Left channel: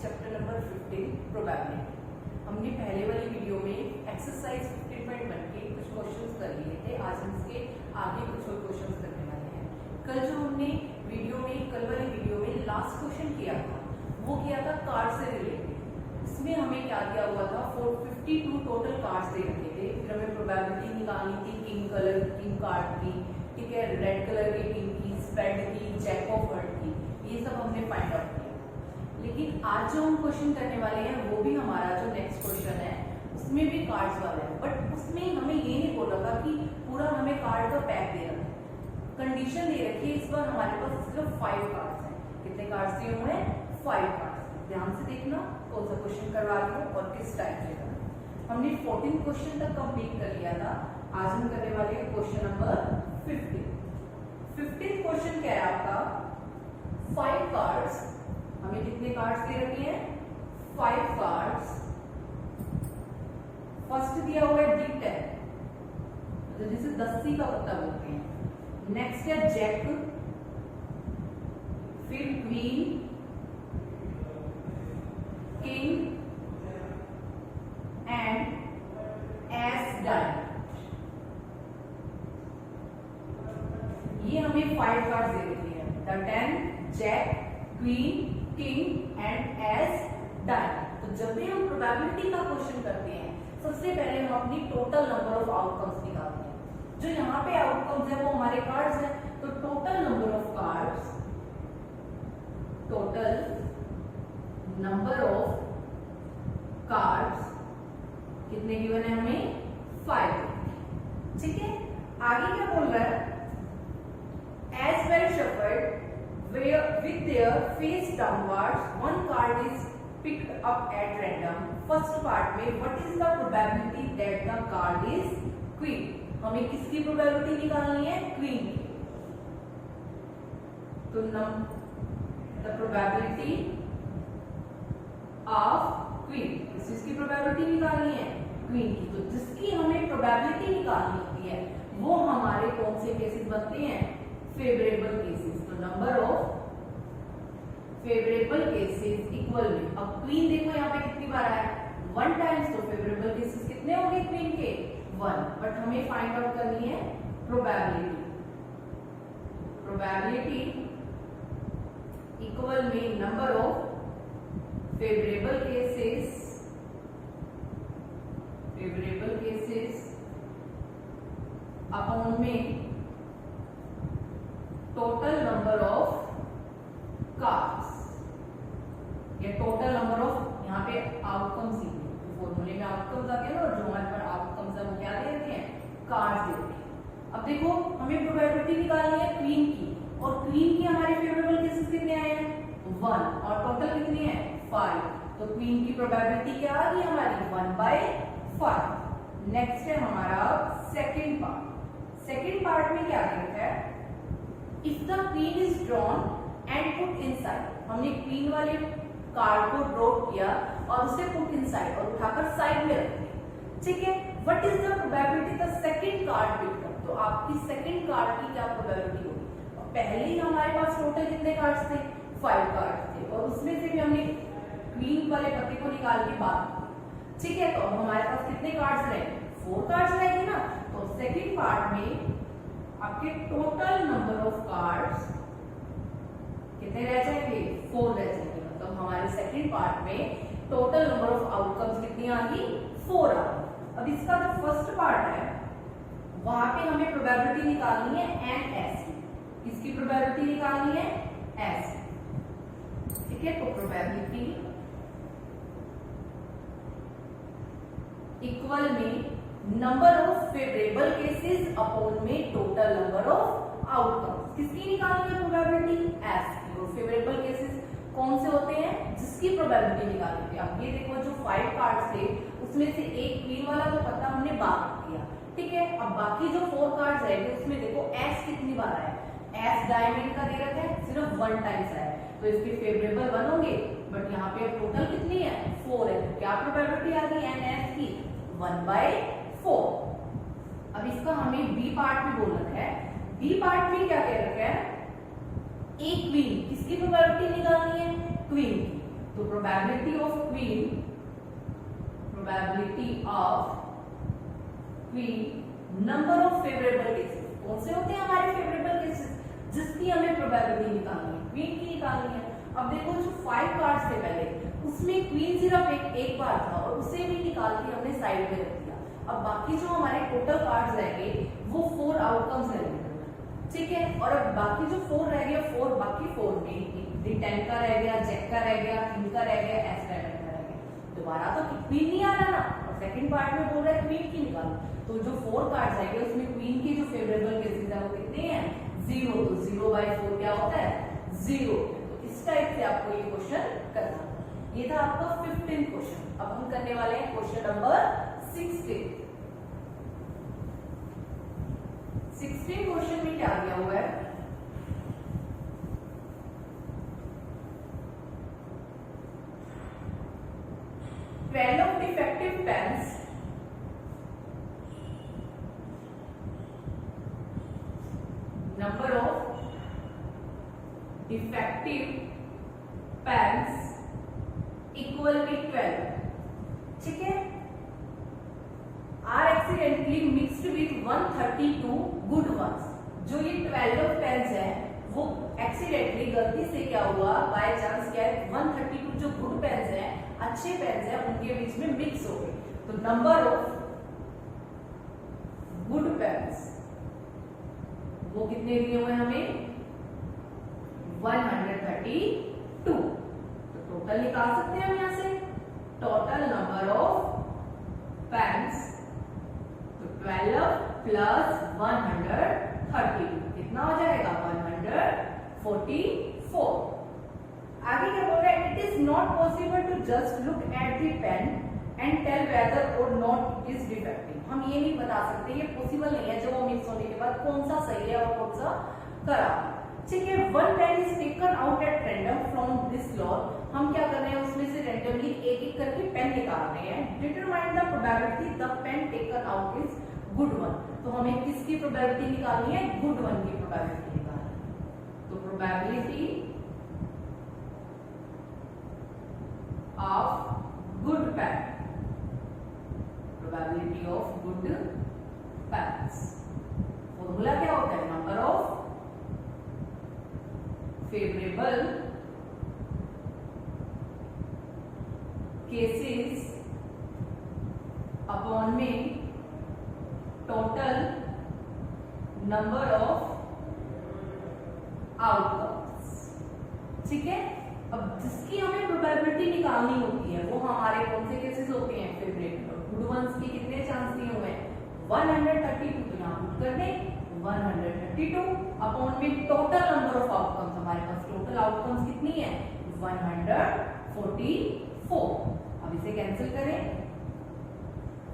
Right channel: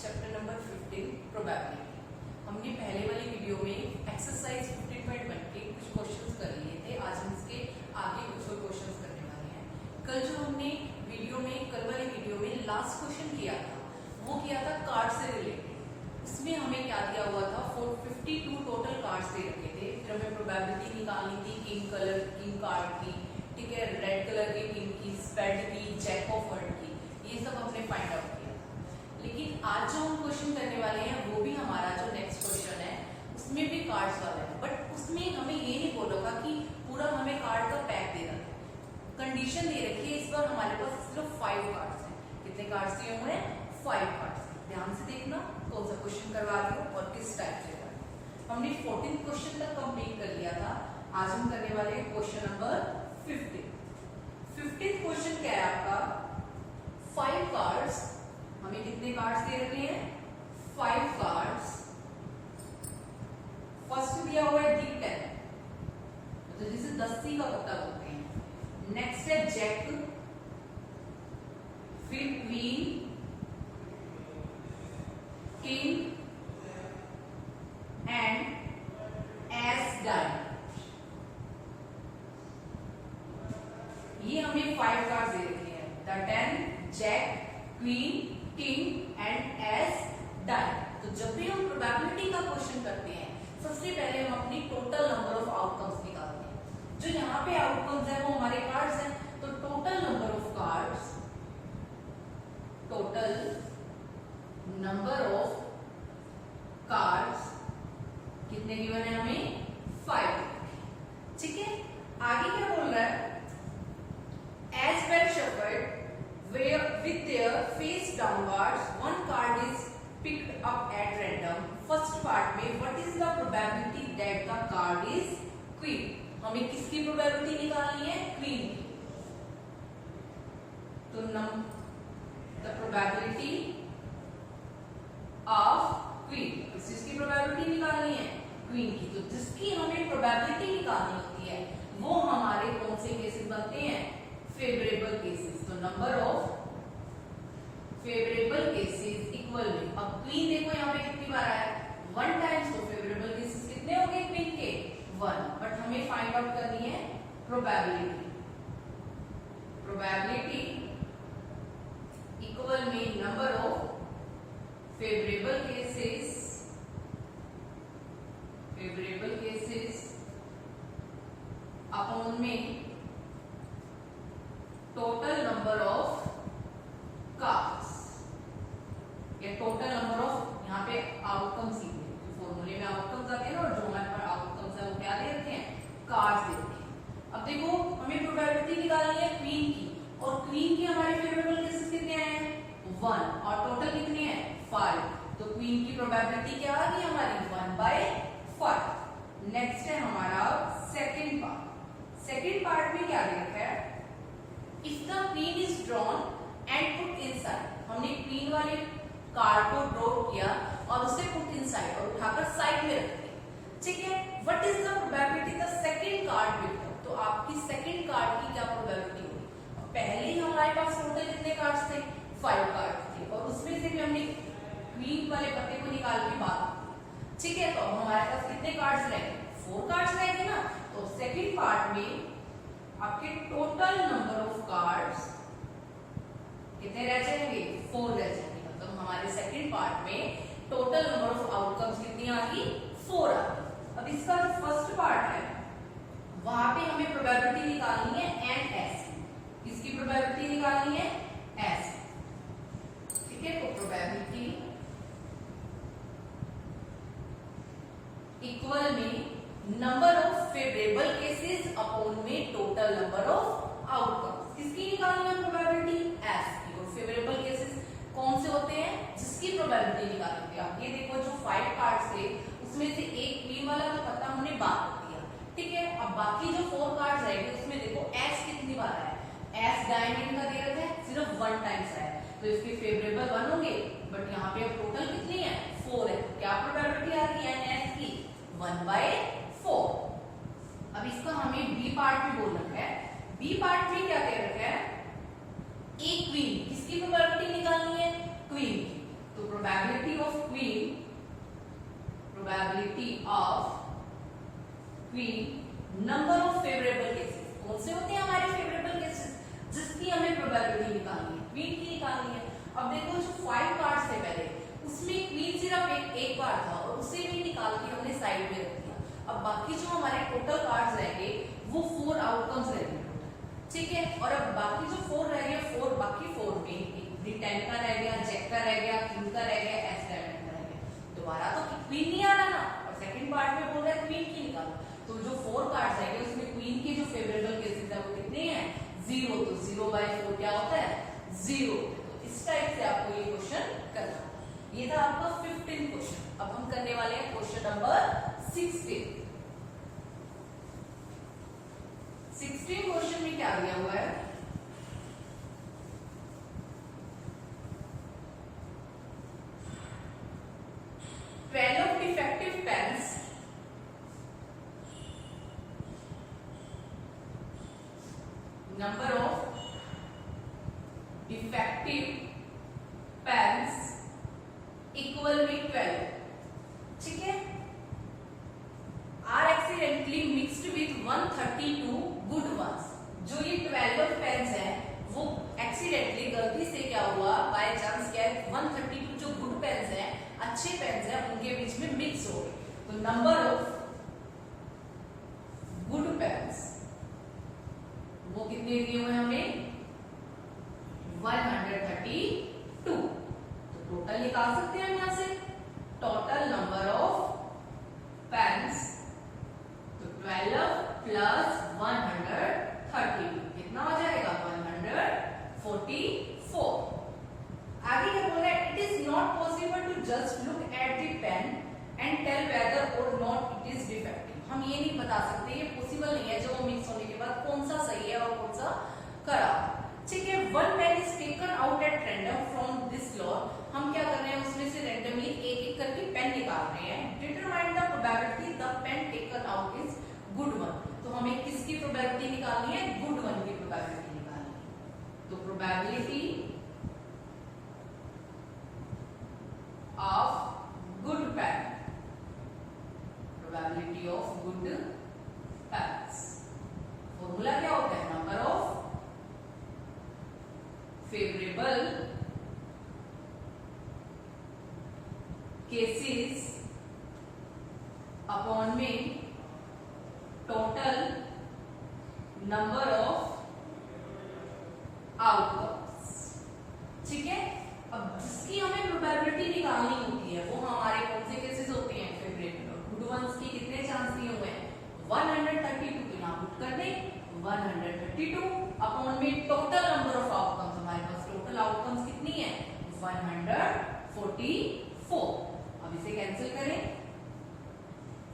Chapter number 15 probability. हमने पहले वाली वीडियो में एक्सरसाइज 15.1 के कुछ क्वेश्चंस कर लिए थे। आज हम इसके आगे कुछ और क्वेश्चंस करने वाले हैं। कल जो हमने कल वाली वीडियो में लास्ट क्वेश्चन किया था वो किया था कार्ड से रिलेटेड। इसमें हमें क्या दिया हुआ था, 452 टोटल कार्ड्स दे रखे थे। फिर हमें प्रोबेबिलिटी निकालनी थी किंग कार्ड की, ठीक है, रेड कलर के किंग की, स्पेड की, जैक ऑफ हार्ट की, ये सब हमने फाइंड आउट किया। लेकिन आज जो हम क्वेश्चन करने वाले हैं वो भी हमारा जो नेक्स्ट क्वेश्चन है उसमें भी कार्ड्स वाला है, बट उसमें हमें ये नहीं बोल रखा कि पूरा हमें कार्ड का पैक दे रखा है। कंडीशन दे रखी है इस बार हमारे पास सिर्फ 5 कार्ड्स हैं। कितने कार्ड्स दिए हुए हैं? 5 कार्ड्स। ध्यान से देखना कौन सा क्वेश्चन करवा रही हो और किस टाइप से करना। हमने 14 क्वेश्चन तक कंप्लीट कर लिया था। आज हम करने वाले हैं क्वेश्चन नंबर 15 क्वेश्चन क्या है आपका, 5 कार्ड्स। हमें कितने कार्ड्स दे रखे हैं? 5 कार्ड्स। फर्स्ट दिया हुआ है दी 10, तो जिसे 10 का पत्ता बोलते हैं। नेक्स्ट है जैक, फिर queen, king and ace diamond. ये हमें 5 कार्ड्स दे रखी है, the 10, jack, queen, king and ace diamond. तो जब भी हम प्रोबेबिलिटी का क्वेश्चन करते हैं सबसे पहले हम अपनी टोटल नंबर ऑफ आउटकम्स निकालते हैं। जो यहाँ पे आउटकम्स है वो हमारे कार्ड्स हैं, तो total number of cards, total number of cards कितने गिवन है हमें? 5। ठीक है, आगे क्या बोल रहा है? As well shuffled with their face downwards, one card is picked up at random. First part में what is the probability that the card is queen? हमें किसकी प्रोबेबिलिटी निकालनी है? क्वीन की। तो the probability of queen, किस चीज की प्रोबेबिलिटी निकालनी है? क्वीन की। तो जिसकी हमें प्रोबेबिलिटी निकालनी होती है वो हमारे कौन से केसेस बनते हैं? Favourable cases. तो number of favourable cases equal में, अब क्वीन देखो यहाँ पे कितनी बार आया? 1 टाइम्स। तो फेवरेबल केसेस कितने हो गए क्वीन के? 1। बट हमें फाइंड आउट करनी है प्रोबेबिलिटी। प्रोबेबिलिटी इक्वल में number of favourable cases upon में टोटल नंबर ऑफ कार्ड्स, या टोटल नंबर ऑफ, यहाँ पे आउटकम्स ही है, फॉर्मूले में आउटकम्स आते हैं ना, और जो हमारे पास आउटकम्स है वो क्या दे रखे हैं? कार्ड्स दे रखे हैं। अब देखो हमें प्रोबेबिलिटी निकालनी है क्वीन की, और क्वीन के हमारे फेवरेबल केसेस कितने आए हैं? 1, और टोटल कितनी है? 5। तो क्वीन की प्रोबेबिलिटी क्या आ गई हमारी? 1/5। नेक्स्ट है हमारा सेकेंड पार्ट। सेकेंड पार्ट में क्या दे रखा है? If the queen is drawn and put inside, हमने क्वीन वाले कार्ड को ड्रॉ किया और उसे पुट इनसाइड और उठाकर साइड में रख दिया। ठीक है, what is the probability the second card picked up? तो आपकी सेकंड कार्ड की क्या प्रोबेबिलिटी होगी? पहले ही हमारे पास टोटल कितने कार्ड्स थे? 5 कार्ड थे, और उसमें से भी हमने क्वीन वाले पत्ते को निकाल के बात की। ठीक है, तो अब हमारे पास कितने कार्ड्स रह गए? 4 कार्ड्स रह गए ना। तो सेकंड पार्ट में आपके टोटल नंबर ऑफ कार्ड्स कितने रह जाएंगे? 4 रह जाएंगे। मतलब हमारे सेकंड पार्ट में टोटल नंबर ऑफ आउटकम्स कितनी आ गई? 4 आ गई। अब इसका जो फर्स्ट पार्ट है वहां पे हमें प्रोबेबिलिटी निकालनी है एन एस की। किसकी प्रोबेबिलिटी निकालनी है? एस। ठीक है, तो प्रोबेबिलिटी इक्वल में number of favourable cases upon में टोटल नंबर ऑफ आउटकम्स। किसकी निकालनी है प्रोबेबिलिटी? एस की। और फेवरेबल केसेस कौन से होते हैं? जिसकी प्रोबेबिलिटी निकालनी थी। अब ये देखो जो 5 कार्ड्स थे उसमें से एक क्वीन वाला तो पत्ता हमने बात किया। ठीक है, अब बाकी जो 4 कार्ड्स रह गए उसमें देखो एस कितनी बार आया? एस डायमंड का दे रखा है, सिर्फ 1 टाइम्स आया, तो इसके फेवरेबल 1 होंगे। बट यहाँ पे अब टोटल कितनी है? 4 है। तो क्या प्रोबेबिलिटी आ गई एन एस की? 1/4। अब इसका हमें बी पार्ट भी बोल रखा है। बी पार्ट में क्या कह रखा है? ए क्वीन, किसकी प्रोबेबिलिटी निकालनी है? क्वीन की। तो probability of queen, number of favourable cases. कौन से होते हैं हमारे फेवरेबल केसेस जिसकी हमें प्रोबेबिलिटी निकालनी है, क्वीन की निकालनी है। अब देखो जो 5 कार्ड्स थे पहले, उसमें क्वीन सिर्फ एक बार था और उसे भी निकाल के हमने साइड में रख दिया। अब बाकी जो हमारे टोटल कार्ड्स रह गए वो 4 आउटकम्स रह गए, ठीक है। और अब बाकी जो 4 रह गए, 4 बाकी 4 में D10 का रह गया, जैक का रह गया, किंग का रह गया, एस डायमंड का रह गया। दोबारा तो क्वीन नहीं आना ना, और सेकंड पार्ट में बोल रहा है क्वीन की निकालो। तो जो 4 कार्ड्स रह गए उसमें क्वीन के जो फेवरेबल केसेस है वो कितने हैं, 0। तो 0/4 क्या होता है, 0। तो इस टाइप से आपको ये क्वेश्चन करना। ये था आपका 15 क्वेश्चन। अब हम करने वाले हैं क्वेश्चन नंबर 16। 16 क्वेश्चन में क्या दिया हुआ है, twelve defective pens number of defective pens equal with 12, ठीक है। are accidentally mixed with 132 good ones। जो ये 12 पेन्स है वो एक्सीडेंटली गलती से क्या हुआ, बाय चांस क्या है, 132 जो गुड पेन्स है, अच्छे पेन्स है, उनके बीच में मिक्स हो गए। तो नंबर ऑफ गुड पेन्स वो कितने दिए हुए हमें, 132। तो टोटल निकाल सकते हैं हम यहां से, टोटल नंबर ऑफ पेन्स, तो 12 प्लस 132 कितना हो जाएगा, 144। आगे क्या बोल रहा है, it is not possible to just look at the pen and tell whether or not it is defective. हम ये नहीं बता सकते, ये पॉसिबल नहीं है जो मिक्स होने के बाद कौन सा सही है और कौन सा खराब, ठीक है। 1 pen is taken out at random from this lot. हम क्या कर रहे हैं, उसमें से रैंडमली एक एक करके पेन निकाल रहे हैं। Determine the probability the pen taken out is good one. तो हमें किसकी प्रोबेबिलिटी निकालनी है, गुड वन की प्रोबेबिलिटी निकालनी है। तो probability of good pen, probability of good pens, formula क्या होता है, number of favourable cases upon में टोटल नंबर ऑफ आउटकम्स, ठीक है। अब जिसकी हमें प्रोबेबिलिटी निकालनी होती है वो हमारे कौन से केसेस होते हैं, फेवरेबल और गुड वंस के कितने चांस दिए हुए हैं, 132। तो यहाँ पुट कर दें 132 अपॉन में टोटल नंबर ऑफ आउटकम्स, हमारे पास टोटल आउटकम्स कितनी है, 144। अब इसे कैंसिल करें,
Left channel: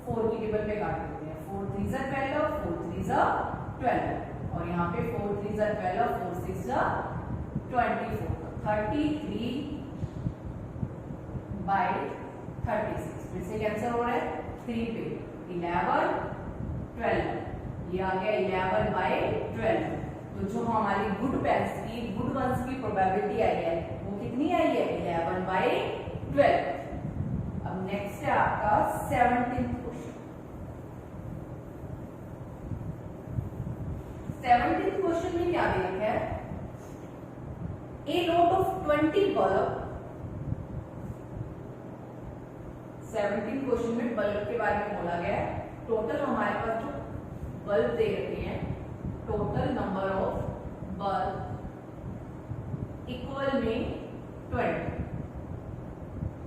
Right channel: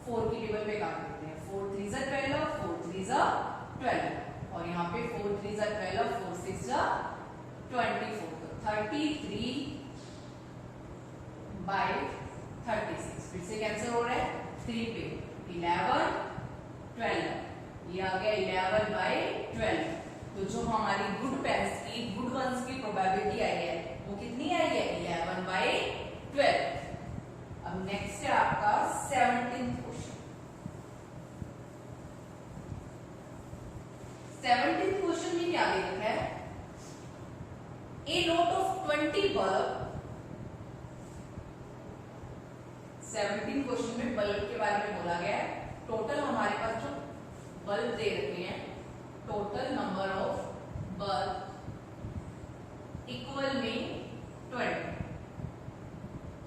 4 की टेबल पे काट देते हैं, 4 3 जा 12, 4 3 जा 12, और यहाँ पे 4 3 जा 12, 4 6 जा 24, तो 33 बाय 36। फिर से कैंसिल हो रहा है, 3 पे 11 12, ये आ गया 11 बाय 12। तो जो हमारी गुड पेन्स की, गुड वंस की प्रोबेबिलिटी आई है वो कितनी आई है, 11 बाय 12। अब नेक्स्ट है आपका 17th क्वेश्चन। 17th क्वेश्चन में क्या दे रखा है, a lot of 20 bulb. 17th question में बल्ब के बारे में बोला गया है। टोटल हमारे पास जो बल्ब दे रखे हैं, total number of bulb equal में 20,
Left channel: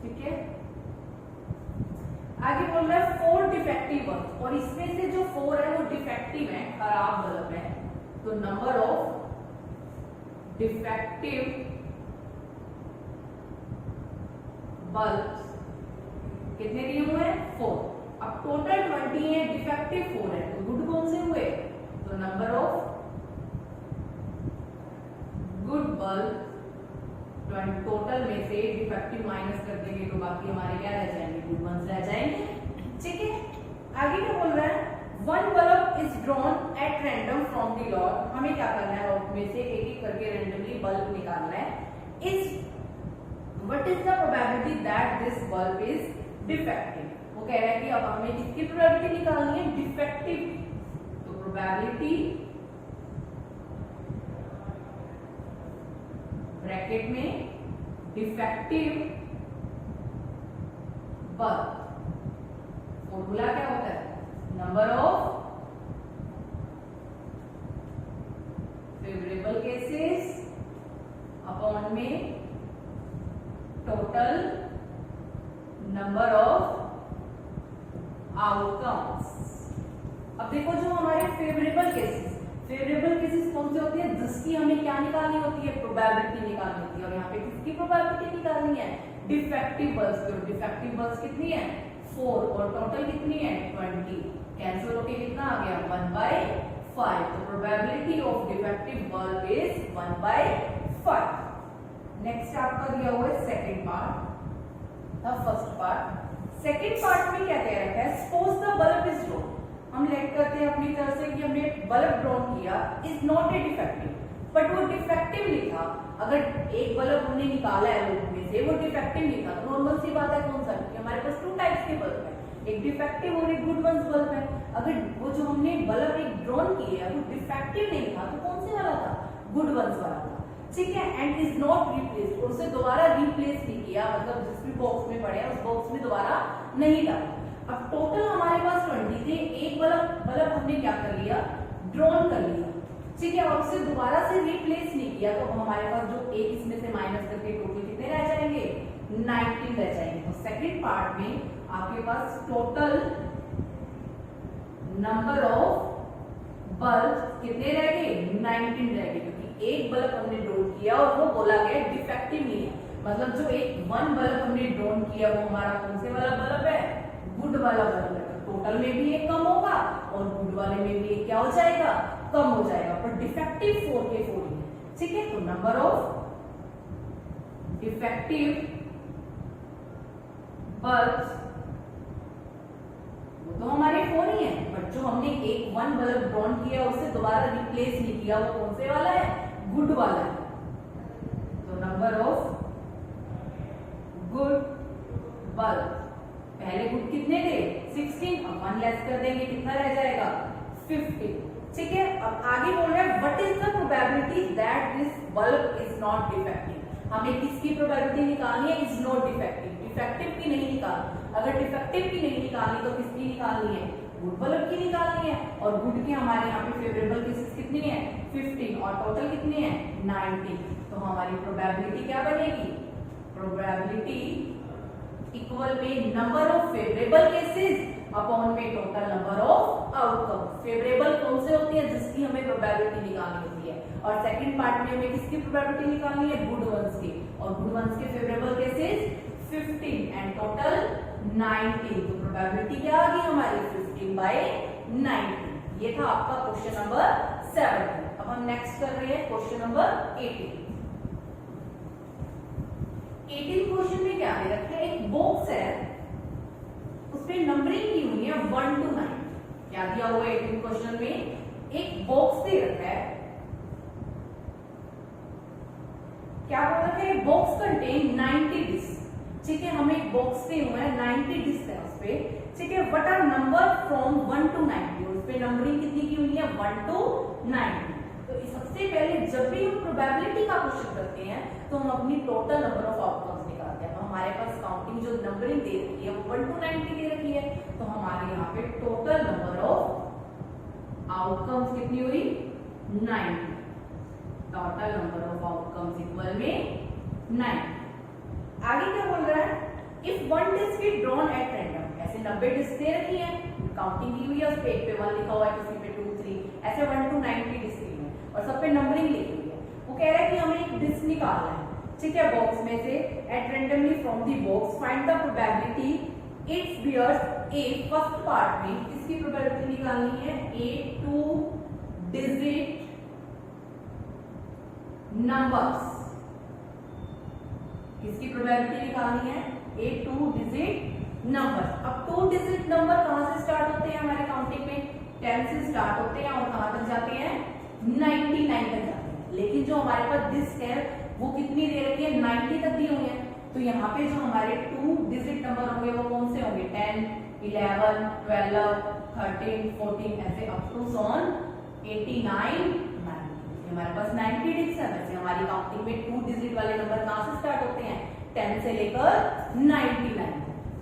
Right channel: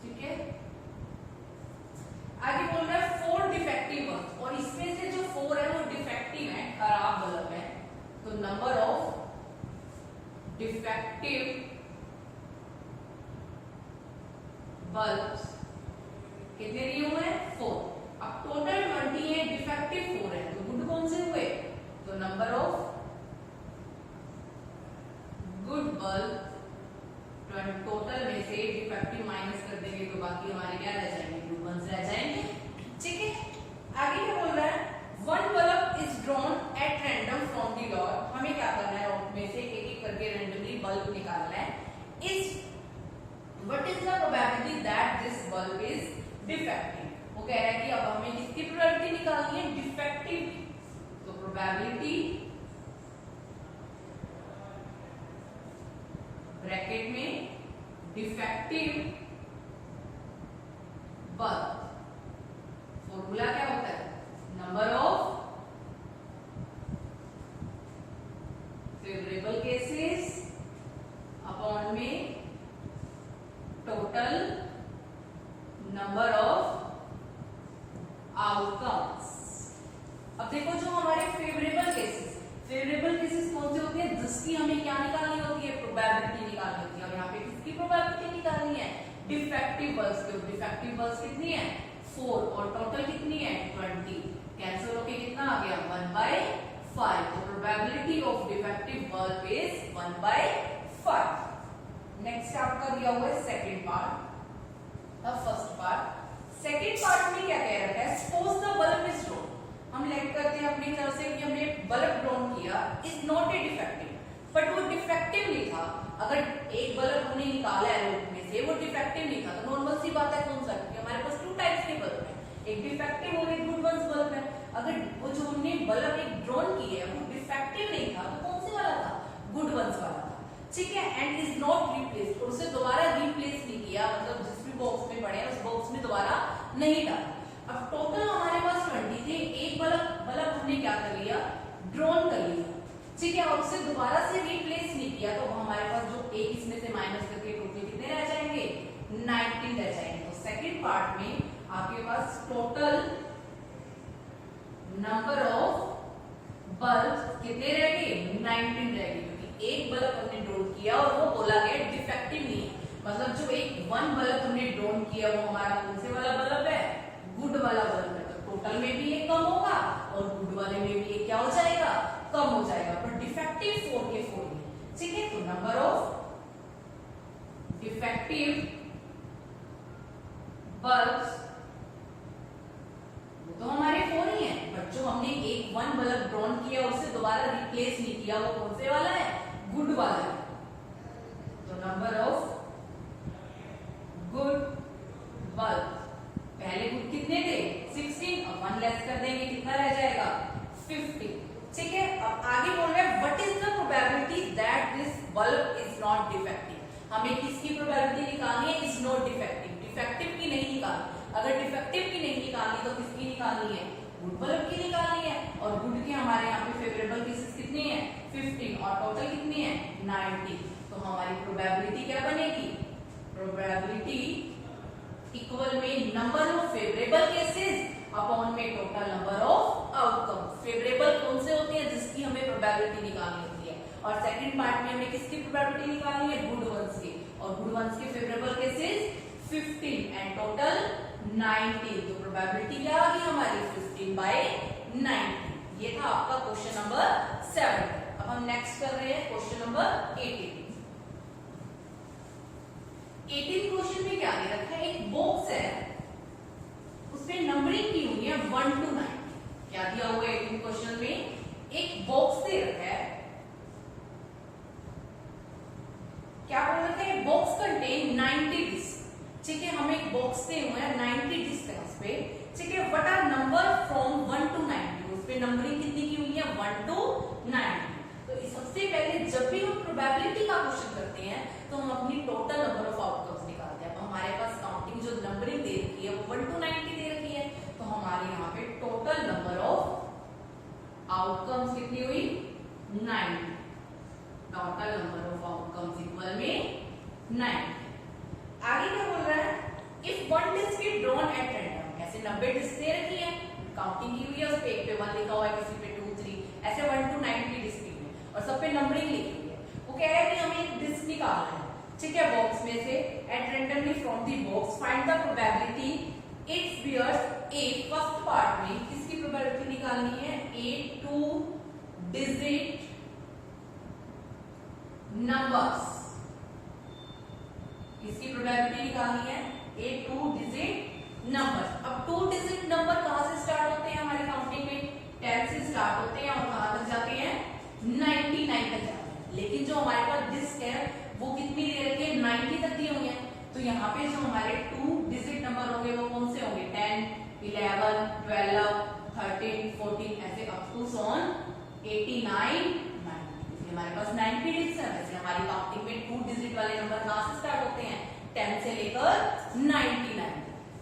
ठीक है। आगे बोल रहा है 4 डिफेक्टिव बल्ब, और इसमें से जो 4 है वो डिफेक्टिव है, खराब बल्ब है। तो नंबर ऑफ डिफेक्टिव बल्ब्स कितने दिए हुए हैं, 4। अब टोटल 20 है, डिफेक्टिव 4 है, तो गुड कौन से हुए, तो number of good bulb, total में से डिफेक्टिव माइनस कर देंगे तो बाकी हमारे क्या रह जाएंगे, गुड वंस रह जाएंगे, ठीक है। आगे क्या बोल रहा है, 1 bulb is drawn at random from the lot. हमें क्या करना है, लॉट में से एक एक करके रैंडमली बल्ब निकालना है। Is what is the probability that this bulb is defective. वो कह रहा है कि अब हमें किसकी प्रोबेबिलिटी निकालनी है, डिफेक्टिव की। तो प्रोबेबिलिटी ब्रैकेट में डिफेक्टिव बल्ब, फॉर्मूला क्या होता है, number of favourable cases upon में टोटल नंबर ऑफ आउटकम्स। अब देखो जो हमारे फेवरेबल केसेस कौन से होते हैं, जिसकी हमें क्या निकालनी होती है, प्रोबेबिलिटी निकालनी होती है। और यहाँ पे किसकी प्रोबेबिलिटी निकालनी है, डिफेक्टिव बल्ब्स की। डिफेक्टिव बल्ब्स कितनी है, 4, और टोटल कितनी है, 20। कैंसिल होके कितना आ गया, 1/5। तो probability of defective bulb is 1/5। Next आपका दिया हुआ है second part, the first part. Second part में क्या कह रखा है, suppose the bulb is drawn. हम लेट करते हैं अपनी तरफ से कि हमने बल्ब ड्रॉन किया, is not a defective, but वो डिफेक्टिव नहीं था। अगर एक बल्ब हमने निकाला है लूप में से, वो डिफेक्टिव नहीं था, तो नॉर्मल सी बात है कौन सा, क्योंकि हमारे पास 2 टाइप्स के बल्ब है, एक डिफेक्टिव और एक गुड वंस बल्ब है। अगर वो जो हमने बल्ब एक ड्रॉन किया है वो डिफेक्टिव नहीं था, तो कौन से वाला था, गुड वंस वाला था, ठीक है। एंड इज नॉट रिप्लेस्ड, और उसे दोबारा रिप्लेस नहीं किया, मतलब जिस भी बॉक्स में पड़े हैं उस बॉक्स में दोबारा नहीं डाला। अब टोटल हमारे पास 20 थे, एक बल्ब हमने क्या कर लिया, ड्रॉन कर लिया, ठीक है, और उसे दोबारा से रिप्लेस नहीं किया, तो हमारे पास जो एक इसमें से माइनस करके टोटल कितने रह जाएंगे, 19 रह जाएंगे। तो सेकंड पार्ट में आपके पास टोटल नंबर ऑफ बल्ब कितने रह गए, 19 रह गए, क्योंकि एक बल्ब हमने ड्रॉन किया और वो बोला गया डिफेक्टिव नहीं है। मतलब जो एक वन बल्ब हमने ड्रॉन किया वो हमारा कौन से वाला बल्ब है, गुड वाला बल्ब है। तो टोटल में भी ये कम होगा और गुड वाले में भी ये क्या हो जाएगा, कम हो जाएगा, पर डिफेक्टिव 4 के 4 ही है, ठीक है। तो नंबर ऑफ डिफेक्टिव बल्ब्स वो तो हमारे 4 ही है, बट जो हमने एक वन बल्ब ड्रॉन किया उसे दोबारा रिप्लेस नहीं किया, वो कौन से वाला है, गुड वाला है। तो नंबर ऑफ गुड बल्ब, पहले गुड कितने थे, 16, अब 1 लेस कर देंगे, कितना रह जाएगा, 50, ठीक है। अब आगे बोल रहे हैं what is the probability that this bulb is not defective. हमें किसकी प्रोबेबिलिटी निकालनी है, इज नॉट डिफेक्टिव, डिफेक्टिव की नहीं निकालनी। अगर डिफेक्टिव की नहीं निकालनी तो किसकी निकालनी है, गुड बल्ब की निकालनी है। और गुड के हमारे यहाँ पे फेवरेबल केसेस कितनी है, 15, और टोटल कितनी है, 90। तो हमारी प्रोबेबिलिटी क्या बनेगी, प्रोबेबिलिटी इक्वल में number of favourable cases upon में total number of outcome. Favourable कौन से होते हैं, जिसकी हमें प्रोबेबिलिटी निकालनी होती है, और सेकंड पार्ट में हमें किसकी प्रोबेबिलिटी निकालनी है, गुड वंस की, और गुड वंस के फेवरेबल केसेस 15 एंड टोटल 19। तो प्रोबेबिलिटी क्या आ गई हमारी, 15/19। ये था आपका क्वेश्चन नंबर 7। अब हम नेक्स्ट कर रहे हैं क्वेश्चन नंबर 18। 18 क्वेश्चन में क्या दे रखा है, एक बॉक्स है उसपे नंबरिंग की हुई है 1 to 9। क्या दिया हुआ है 18 क्वेश्चन में, एक बॉक्स दे रखा है, क्या बोल रखा है, बॉक्स कंटेन 90 डिस्क, ठीक है। हमें एक बॉक्स दे हुए हैं 90 डिस्क है उसपे, ठीक है। What are number from 1 to 90, उसपे नंबरिंग कितनी की हुई है, 1 to 90। तो सबसे पहले जब भी हम प्रोबेबिलिटी का क्वेश्चन करते हैं तो हम अपनी टोटल नंबर ऑफ आउटकम्स निकालते हैं। हमारे पास काउंटिंग जो नंबरिंग दे रखी है वो 1 to 90 दे रखी है, तो हमारे यहाँ पे टोटल नंबर ऑफ आउटकम्स कितनी हुई, 90। Total number of outcomes equal में 90। आगे क्या बोल रहा है, if 1 disc is drawn at random, ऐसे 90 डिस्क दे रखी है, काउंटिंग की हुई है, उस पे एक पे 1 लिखा हुआ है, किसी पे 2 3, ऐसे 1 to 90 डिस्क है और सब पे नंबरिंग लिखी हुई है। वो कह रहा है कि हमें एक डिस्क निकालना है, ठीक है, बॉक्स में से at randomly from the box find the probability it's bears A. First part में किसकी प्रोबेबिलिटी निकालनी है, ए 2 डिजिट नंबर्स, किसकी प्रोबेबिलिटी निकालनी है, ए 2 डिजिट नंबर्स। अब 2 डिजिट नंबर कहां से स्टार्ट होते हैं हमारे काउंटिंग में, 10 से स्टार्ट होते हैं और कहां तक जाते हैं, 99 तक जाते हैं। लेकिन जो हमारे पास डिस्क है वो कितनी दे रखी है, 90 तक दी हुई है, तो यहाँ पे जो हमारे 2 डिजिट नंबर होंगे वो कौन से होंगे? 10, 11, 12, 13, 14 ऐसे अप टू सॉन 89, 90। हमारे पास 90 डिजिट्स है। वैसे हमारी काउंटिंग में 2 डिजिट वाले नंबर कहाँ से स्टार्ट होते हैं? 10 से लेकर 99,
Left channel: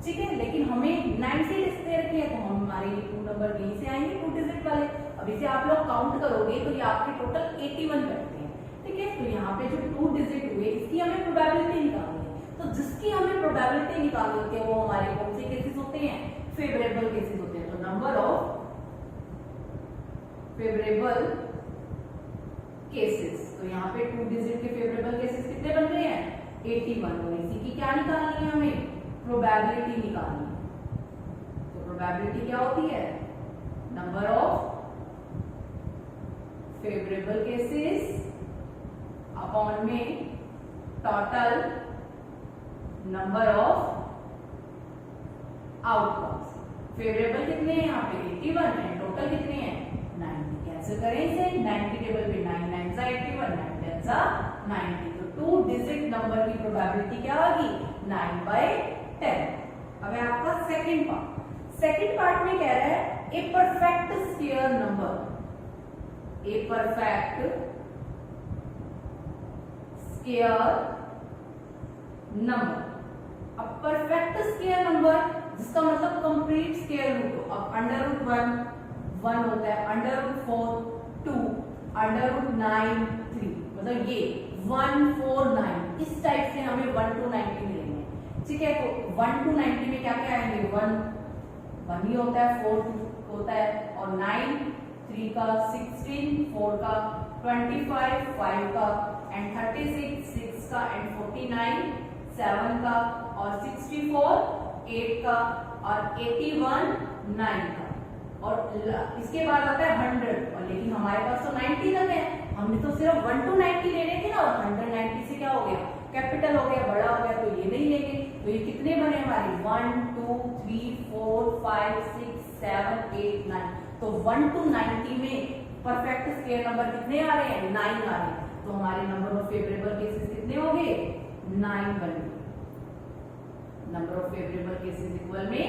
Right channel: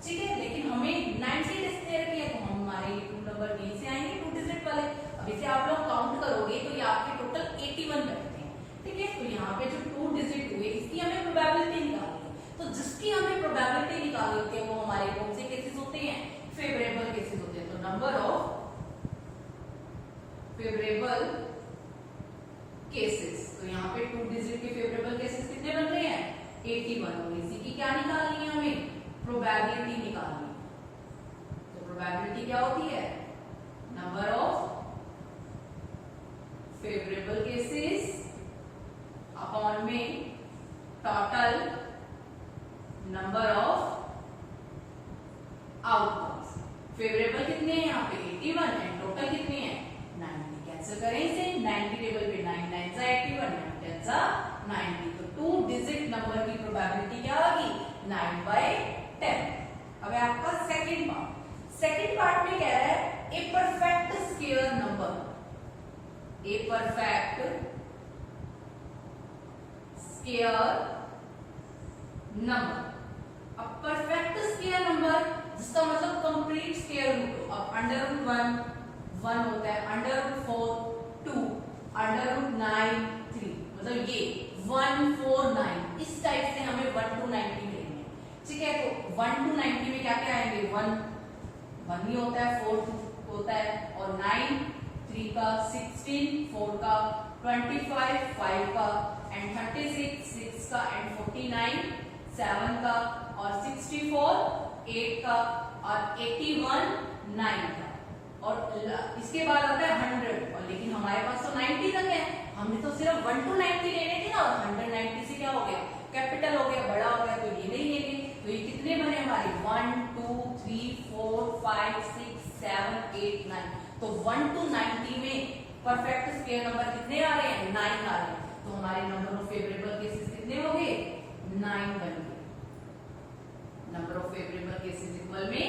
ठीक है। लेकिन हमें 90 डिजिट दे रखी है, तो हम हमारे 2 नंबर यहीं से आएंगे 2 डिजिट वाले। अब इसे आप लोग काउंट करोगे तो ये आपके टोटल 81 बैठते हैं, ठीक है। तो यहाँ पे जो 2 डिजिट हुए इसकी हमें प्रोबेबिलिटी निकालनी है। तो जिसकी हमें प्रोबेबिलिटी निकालनी होती है वो हमारे कौन से केसेस होते हैं? फेवरेबल केसेस होते हैं। तो नंबर ऑफ फेवरेबल केसेस, तो यहाँ पे 2 डिजिट के फेवरेबल केसेस कितने बन रहे हैं? 81। तो इसी की क्या निकालनी है? हमें प्रोबेबिलिटी निकालनी है। तो प्रोबेबिलिटी क्या होती है? Number of favourable cases upon में total number of outcomes. Favourable कितने हैं यहाँ पे? 81 एंड टोटल कितने हैं? 90। कैंसिल करें इसे, 90 टेबल पे 9 9 सा 81, 9 10 सा 90। तो 2 डिजिट नंबर की प्रोबेबिलिटी क्या आ गई? 9/10। अब है आपका सेकंड पार्ट। सेकंड पार्ट में कह रहा है a perfect square number, a perfect square number. अब परफेक्ट स्क्वायर नंबर जिसका मतलब कंप्लीट स्क्वायर रूट हो। अब √1 1 होता है, √4 2, √9 3, मतलब ये 1 4 9 इस टाइप से हमें 1 to 90 मिलेंगे, ठीक है। तो 1 to 90 में क्या क्या आएंगे? 1 ही होता है, 4 होता है, और 9 3 का, 16 4 का, 25 5 का, एंड 36 6 का, एंड 49 7 का, और 64 8 का, और 81 9 का, और इसके बाद आता है 100। और लेकिन हमारे पास तो 90 तक है, हमने तो सिर्फ 1 to 90 लेने थे ना, और 190 से क्या हो गया? कैपिटल हो गया, बड़ा हो गया, तो ये नहीं लेंगे। तो ये कितने बने हमारे? 1 2 3 4 5 6 7 8 9। तो 1 to 90 में परफेक्ट स्क्वायर नंबर कितने आ रहे हैं? 9 आ रहे हैं। तो हमारे नंबर ऑफ फेवरेबल केसेस कितने हो गए? 9 बन गए। Number of favourable cases equal में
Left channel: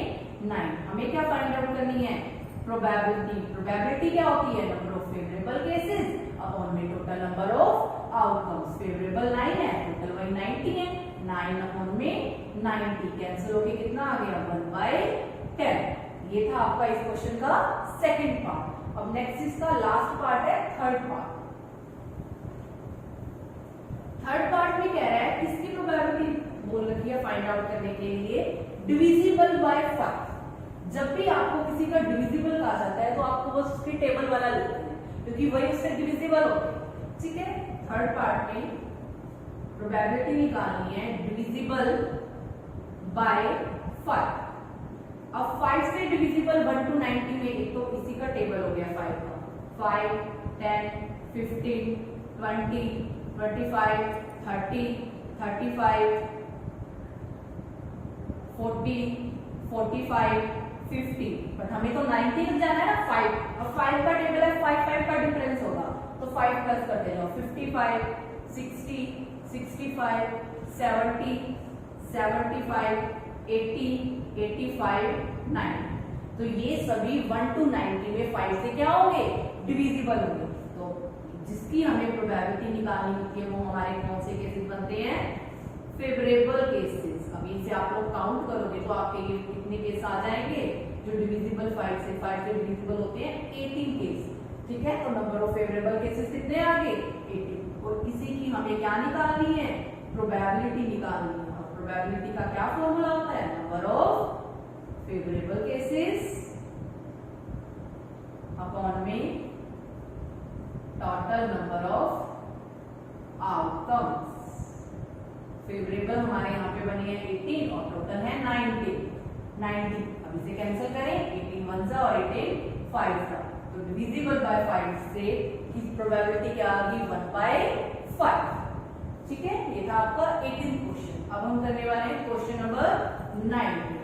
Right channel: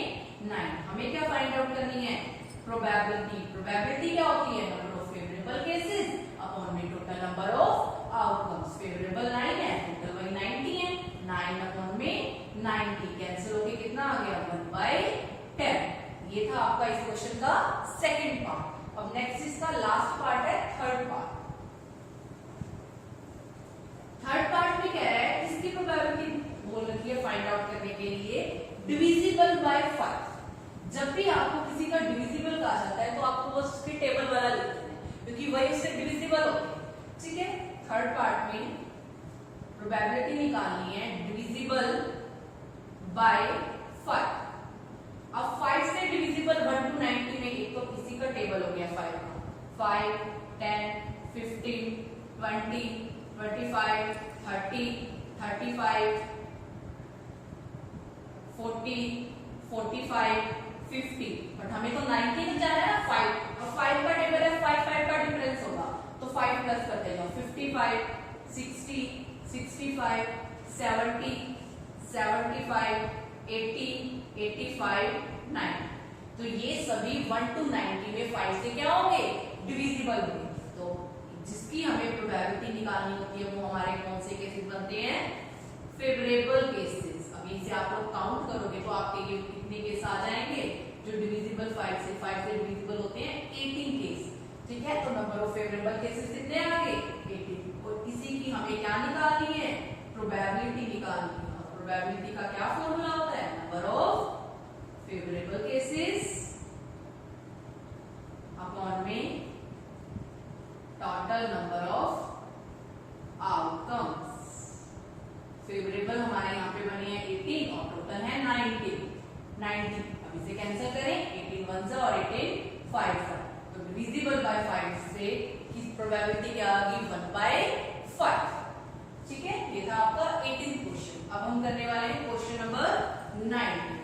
9। हमें क्या फाइंड आउट करनी है? प्रोबेबिलिटी। प्रोबेबिलिटी क्या होती है? Number of favourable cases upon में total number of outcomes. Favourable 9 है, टोटल वही 90 है, 9 अपॉन में 90 कैंसिल होके कितना आ गया? 1/10। ये था आपका इस क्वेश्चन का सेकंड पार्ट। अब नेक्स्ट इसका लास्ट पार्ट है थर्ड पार्ट। थर्ड पार्ट में कह रहा है किसकी प्रोबेबिलिटी बोल रखी है फाइंड आउट करने के लिए? Divisible by 5। जब भी आपको किसी का डिविजिबल कहा जाता है तो आपको बस उसके टेबल वाला लिखना है, क्योंकि वही उससे डिविजिबल होते हैं, ठीक है। थर्ड पार्ट में प्रोबेबिलिटी निकालनी है डिविजिबल बाय 5। अब 5 से डिविजिबल 1 to 90 में एक तो इसी का टेबल हो गया 5 का, 5 10 15 20 25 30 35 40 45 50। बट हमें तो 90 तक जाना है ना 5, और 5 का टेबल है, 5 5 का डिफरेंस होगा, तो 5 प्लस करते जाओ। 55 60 65 70 75 80 85 90। तो ये सभी 1 to 90 में 5 से क्या होंगे? डिविजिबल होंगे। तो जिसकी हमें प्रोबेबिलिटी निकालनी होती है वो हमारे कौन से केसेस बनते हैं? Favourable cases. अब इसे आप लोग काउंट करोगे तो आपके ये कितने केस आ जाएंगे जो डिविजिबल 5 से डिविजिबल होते हैं? 18 केस, ठीक है। तो नंबर ऑफ फेवरेबल केसेस कितने आ गए? 18। और इसी की हमें क्या निकालनी है? प्रोबेबिलिटी निकालनी है। प्रोबेबिलिटी का क्या फॉर्मूला होता है? Number of favourable cases upon में total number of outcomes. Favourable हमारे यहाँ पे बनी है 18 और टोटल है 90। अब इसे कैंसिल करें, 18 1 सा और 18 5 सा, तो डिविजिबल बाय 5 से किस प्रोबेबिलिटी क्या आ गई? 1/5, ठीक है। ये था आपका 18th क्वेश्चन। अब हम करने वाले हैं क्वेश्चन नंबर 19।